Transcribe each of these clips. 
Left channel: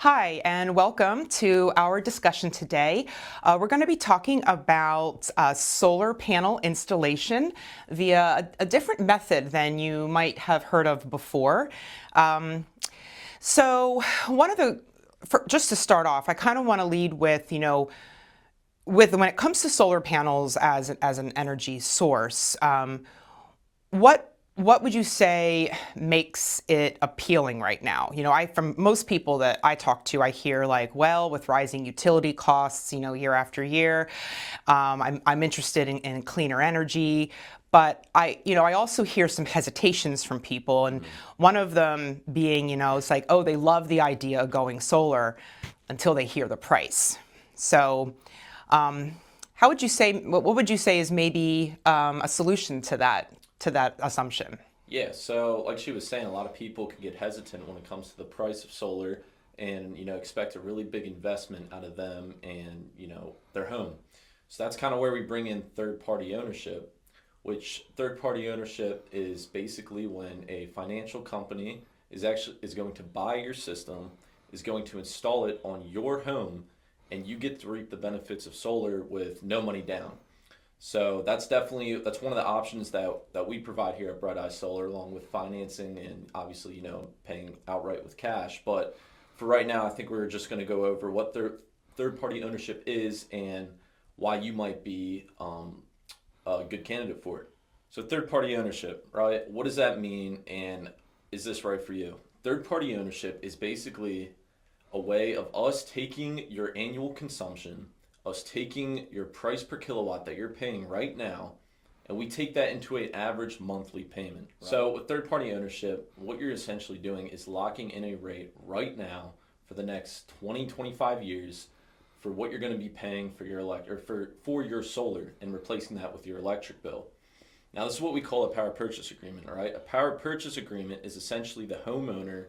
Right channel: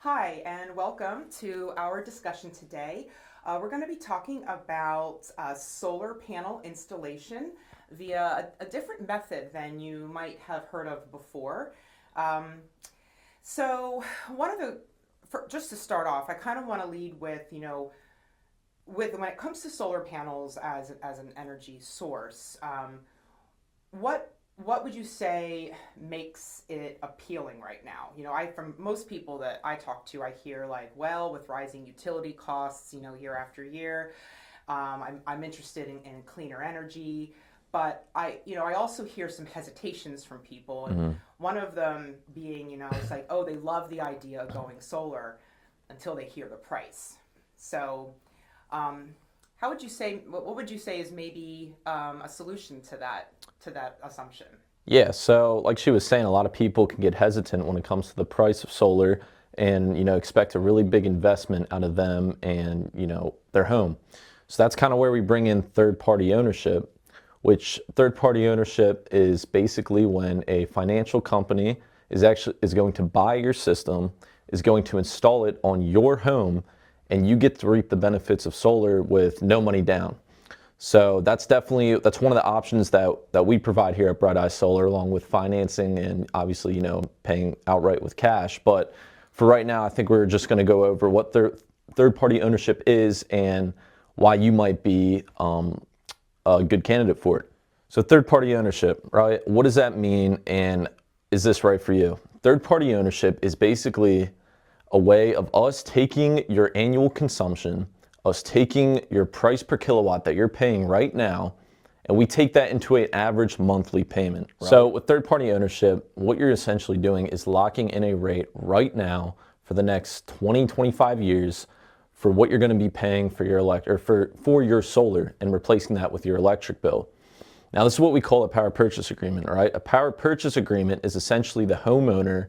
Hi, and welcome to our discussion today. We're going to be talking about solar panel installation via a different method than you might have heard of before. Um, so, one of the just to start off, I kind of want to lead with, with when it comes to solar panels as an energy source. What would you say makes it appealing right now? From most people that I talk to, I hear like, well, with rising utility costs, year after year, I'm interested in cleaner energy. But I also hear some hesitations from people, and Mhm. one of them being, it's like, oh, they love the idea of going solar until they hear the price. So, um, how would you say? What would you say is maybe a solution to that assumption? Yeah, so like she was saying, a lot of people can get hesitant when it comes to the price of solar and, expect a really big investment out of them and, their home. So that's kind of where we bring in third-party ownership, which third-party ownership is basically when a financial company is going to buy your system, is going to install it on your home, and you get to reap the benefits of solar with no money down. So that's one of the options that we provide here at Bright Eye Solar, along with financing and obviously paying outright with cash. But for right now, I think we're just going to go over what third party ownership is and why you might be a good candidate for it. So third party ownership, right? What does that mean, and is this right for you? Third party ownership is basically a way of us taking your annual consumption, us taking your price per kilowatt that you're paying right now, and we take that into an average monthly payment. Right. So with third party ownership, what you're essentially doing is locking in a rate right now for the next 20, 25 years for what you're going to be paying for your for your solar and replacing that with your electric bill. Now, this is what we call a power purchase agreement, right? A power purchase agreement is essentially the homeowner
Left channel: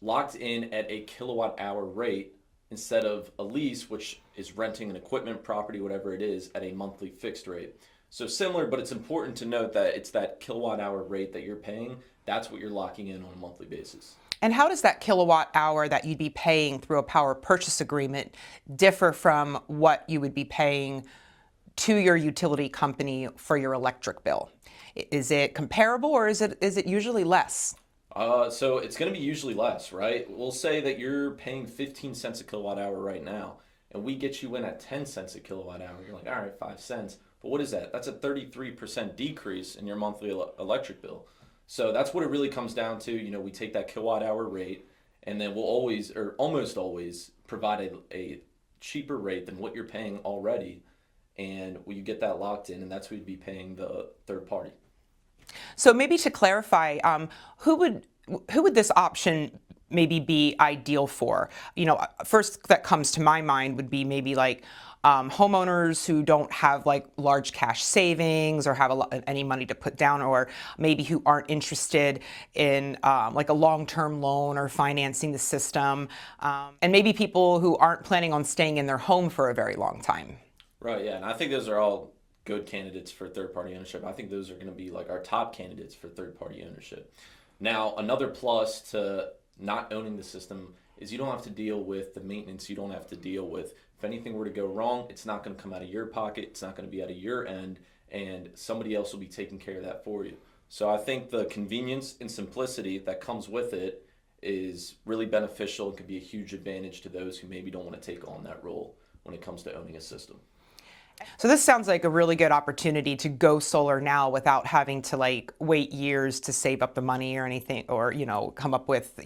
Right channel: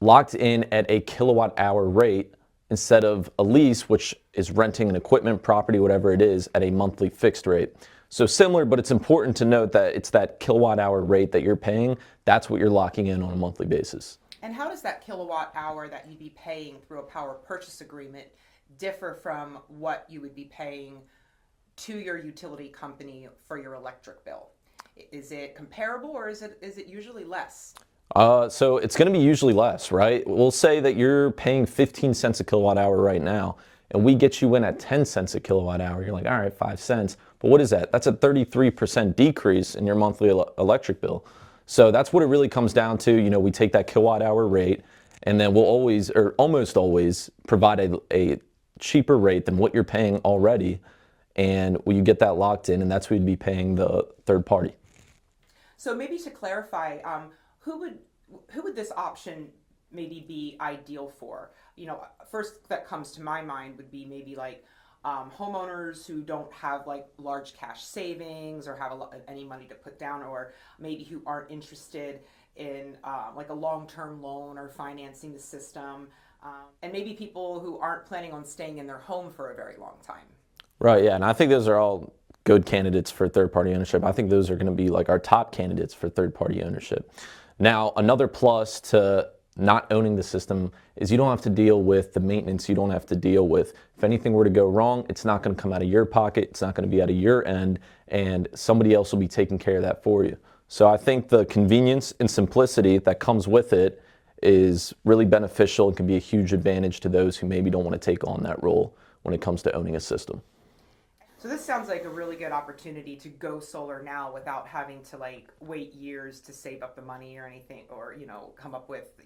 locked in at a kilowatt hour rate instead of a lease, which is renting an equipment, property, whatever it is, at a monthly fixed rate. So similar, but it's important to note that it's that kilowatt hour rate that you're paying. That's what you're locking in on a monthly basis. And how does that kilowatt hour that you'd be paying through a power purchase agreement differ from what you would be paying to your utility company for your electric bill? Is it comparable, or is it usually less? So it's going to be usually less, right? We'll say that you're paying 15 cents a kilowatt hour right now, and we get you in at 10 cents a kilowatt hour. You're like, all right, 5 cents. But what is that? That's a 33% decrease in your monthly electric bill. So that's what it really comes down to. We take that kilowatt hour rate, and then we'll always, or almost always, provide a cheaper rate than what you're paying already. And you get that locked in, and that's what you'd be paying the third party. So maybe to clarify, who would who would this option maybe be ideal for? First that comes to my mind would be maybe like homeowners who don't have like large cash savings or have any money to put down, or maybe who aren't interested in like a long-term loan or financing the system, and maybe people who aren't planning on staying in their home for a very long time. Right, yeah, and I think those are all good candidates for third-party ownership. I think those are going to be like our top candidates for third-party ownership. Now, another plus to not owning the system is you don't have to deal with the maintenance. You don't have to deal with if anything were to go wrong, it's not going to come out of your pocket. It's not going to be out of your end, and somebody else will be taking care of that for you. So I think the convenience and simplicity that comes with it is really beneficial and can be a huge advantage to those who maybe don't want to take on that role when it comes to owning a system. So this sounds like a really good opportunity to go solar now without having to like wait years to save up the money or anything, or come up with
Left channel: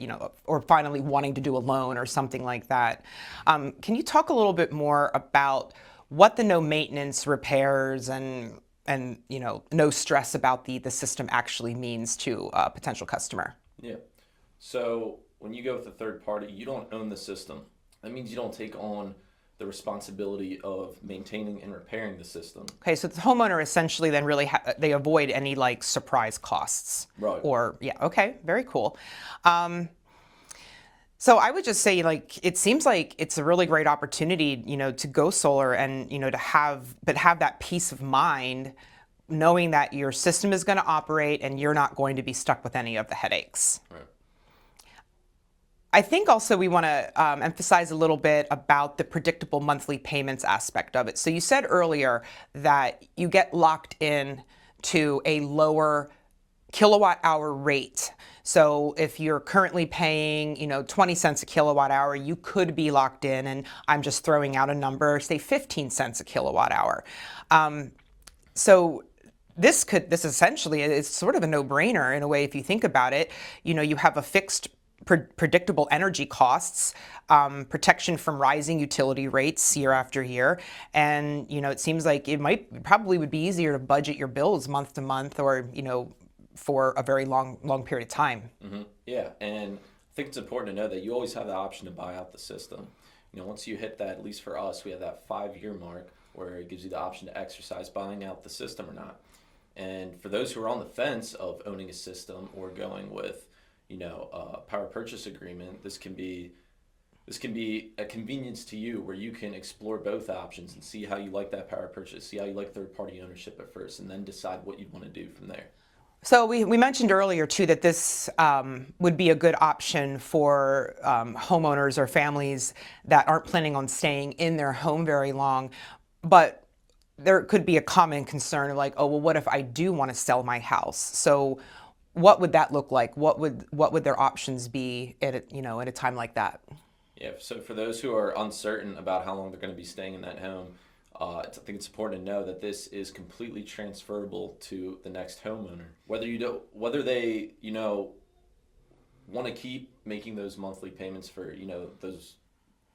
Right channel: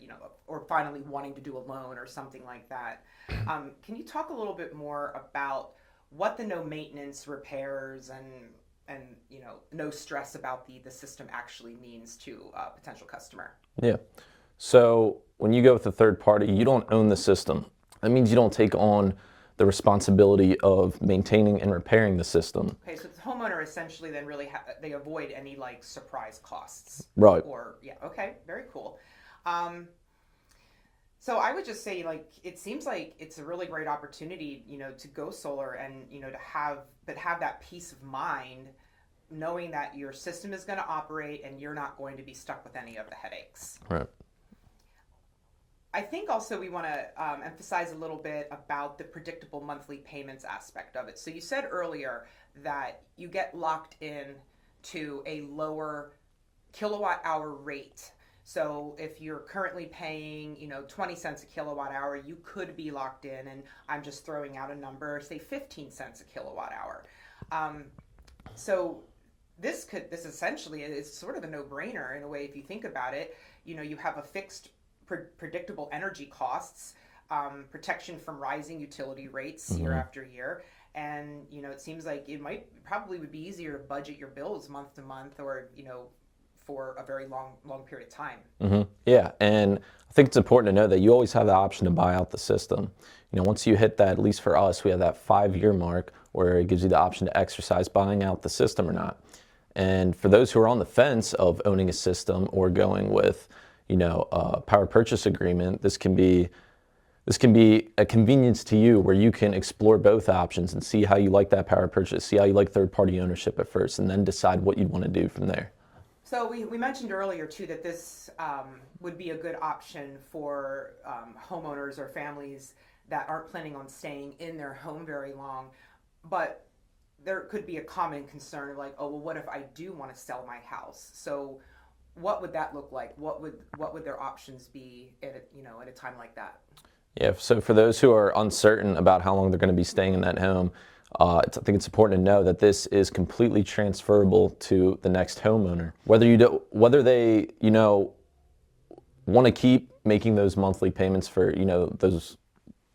or finally wanting to do a loan or something like that. Can you talk a little bit more about what the no maintenance repairs and no stress about the system actually means to a potential customer? Yeah. So when you go with a third party, you don't own the system. That means you don't take on the responsibility of maintaining and repairing the system. Okay, so the homeowner essentially then really they avoid any like surprise costs. Right. Or yeah, okay, very cool. Um, so I would just say like it seems like it's a really great opportunity, to go solar and to have that peace of mind knowing that your system is going to operate and you're not going to be stuck with any of the headaches. Right. I think also we want to emphasize a little bit about the predictable monthly payments aspect of it. So you said earlier that you get locked in to a lower kilowatt hour rate. So if you're currently paying, 20 cents a kilowatt hour, you could be locked in, and I'm just throwing out a number, say 15 cents a kilowatt hour. So this essentially is sort of a no-brainer in a way if you think about it. You have a fixed predictable energy costs, protection from rising utility rates year after year, and it seems like probably would be easier to budget your bills month to month, or for a very long period of time. Yeah, and I think it's important to know that you always have the option to buy out the system. Once you hit that, at least for us, we have that 5-year mark where it gives you the option to exercise buying out the system or not. And for those who are on the fence of owning a system or going with, a power purchase agreement, this can be a convenience to you where you can explore both options and see how you like that power purchase, see how you like third-party ownership at first, and then decide what you'd want to do from there. So we mentioned earlier too that this would be a good option for homeowners or families that aren't planning on staying in their home very long, but there could be a common concern like, oh, well, what if I do want to sell my house? So what would that look like? What would their options be at a time like that? Yeah, so for those who are uncertain about how long they're going to be staying in that home, I think it's important to know that this is completely transferable to the next homeowner. Whether they want to keep making those monthly payments for those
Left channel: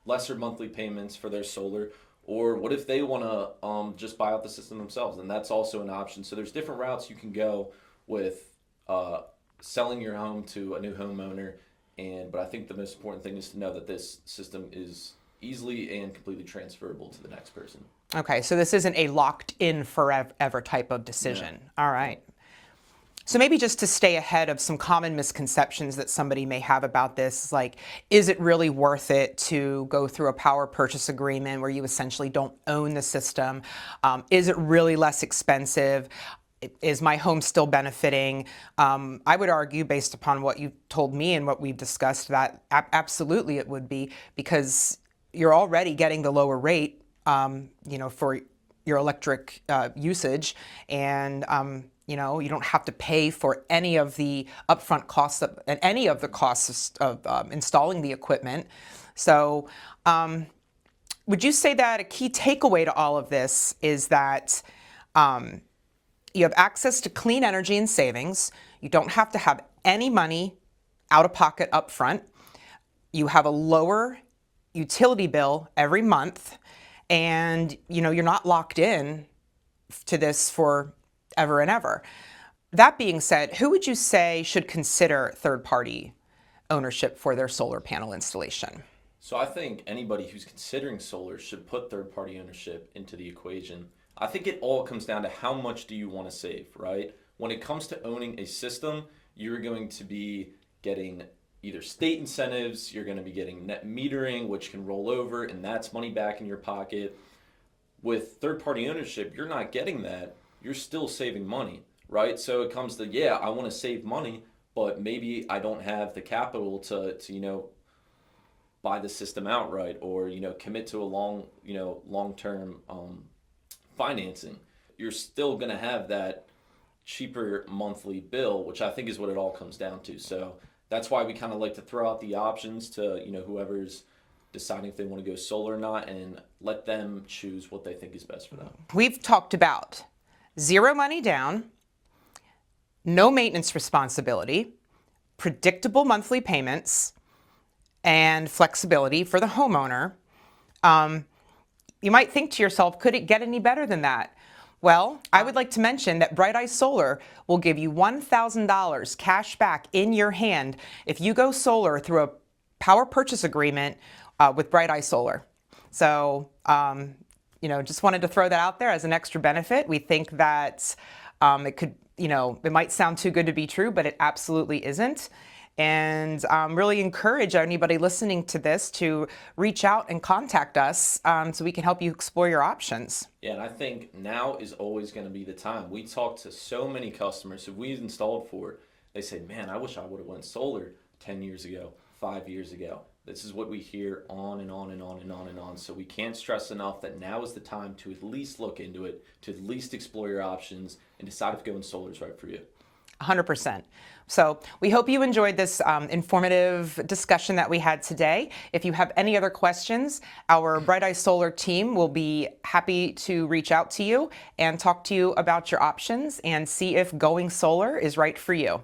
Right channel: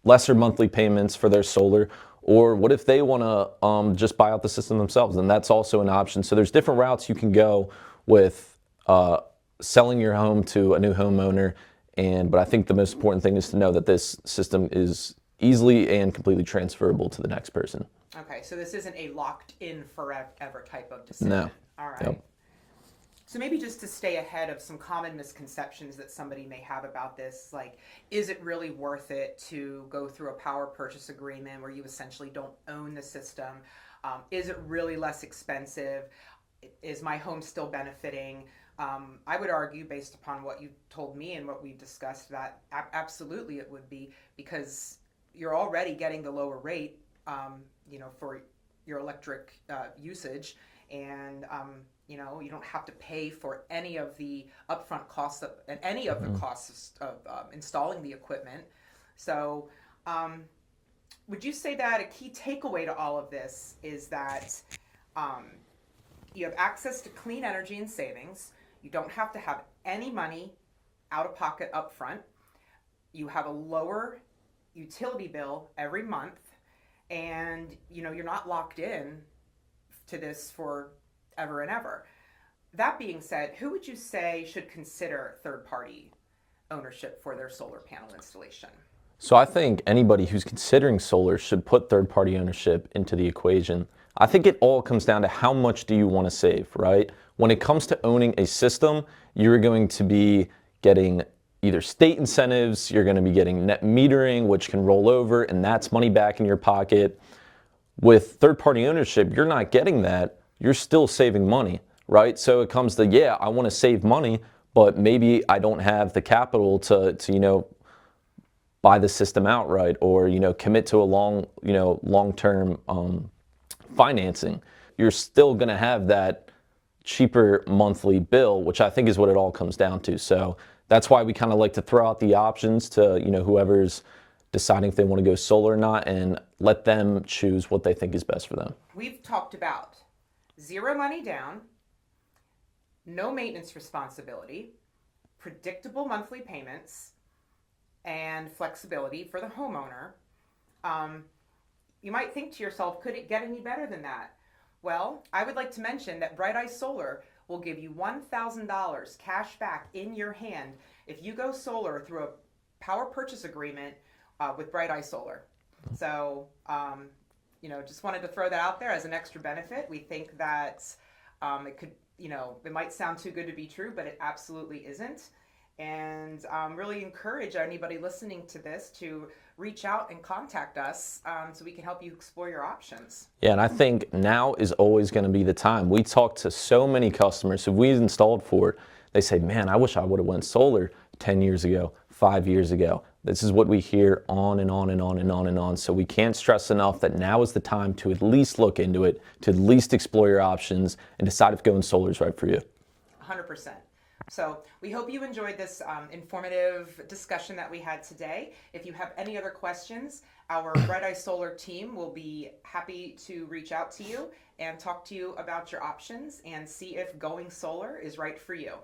lesser monthly payments for their solar, or what if they want to just buy out the system themselves, and that's also an option. So there's different routes you can go with selling your home to a new homeowner, but I think the most important thing is to know that this system is easily and completely transferable to the next person. Okay, so this isn't a locked-in forever type of decision. No. All right. No. So maybe just to stay ahead of some common misconceptions that somebody may have about this, like, is it really worth it to go through a power purchase agreement where you essentially don't own the system? Is it really less expensive? Is my home still benefiting? I would argue, based upon what you told me and what we've discussed, that absolutely it would be, because you're already getting the lower rate, for your electric usage, and you don't have to pay for any of the upfront costs and any of the costs of installing the equipment. So, would you say that a key takeaway to all of this is that you have access to clean energy and savings? You don't have to have any money out of pocket up front. You have a lower utility bill every month, and you're not locked in to this for ever and ever. That being said, who would you say should consider third-party ownership for their solar panel installation? So I think anybody who's considering solar should put third-party ownership into the equation. I think it all comes down to how much do you want to save, right? When it comes to owning a system, you're going to be getting either state incentives, you're going to be getting net metering, which can roll over, and that's money back in your pocket. With third-party ownership, you're not getting that. You're still saving money, right? So it comes to, yeah, I want to save money, but maybe I don't have the capital to buy the system outright, or commit to a long-term financing. You're still going to have that cheaper monthly bill, which I think is what it all comes down to. So that's why we kind of like to throw out the options to whoever's deciding if they want to go solar or not, and let them choose what they think is best for them. We've talked about zero money down, no maintenance responsibility, predictable monthly payments, and flexibility for the homeowner. You might think to yourself, could it get any better than that? Well, I would like to mention that Bright Eye Solar will give you $1,000 cash back in your hand if you go solar through a power purchase agreement with Bright Eye Solar. So, just wanted to throw that out there as an extra benefit. We think that it could, it might sound too good to be true, but it absolutely isn't. And really encourage anybody listening to this to reach out and contact us so we can help you explore your options. Yeah, and I think now is always going to be the time. We talk to so many customers who we've installed for. They say, man, I wish I would have went solar 10 years ago, 5 years ago. This is what we hear on and on and on and on and on. So we can't stress enough that now is the time to at least look into it, to at least explore your options and decide if going solar is right for you. 100%. So we hope you enjoyed this informative discussion that we had today. If you have any other questions, our Bright Eye Solar team will be happy to reach out to you and talk to you about your options and see if going solar is right for you.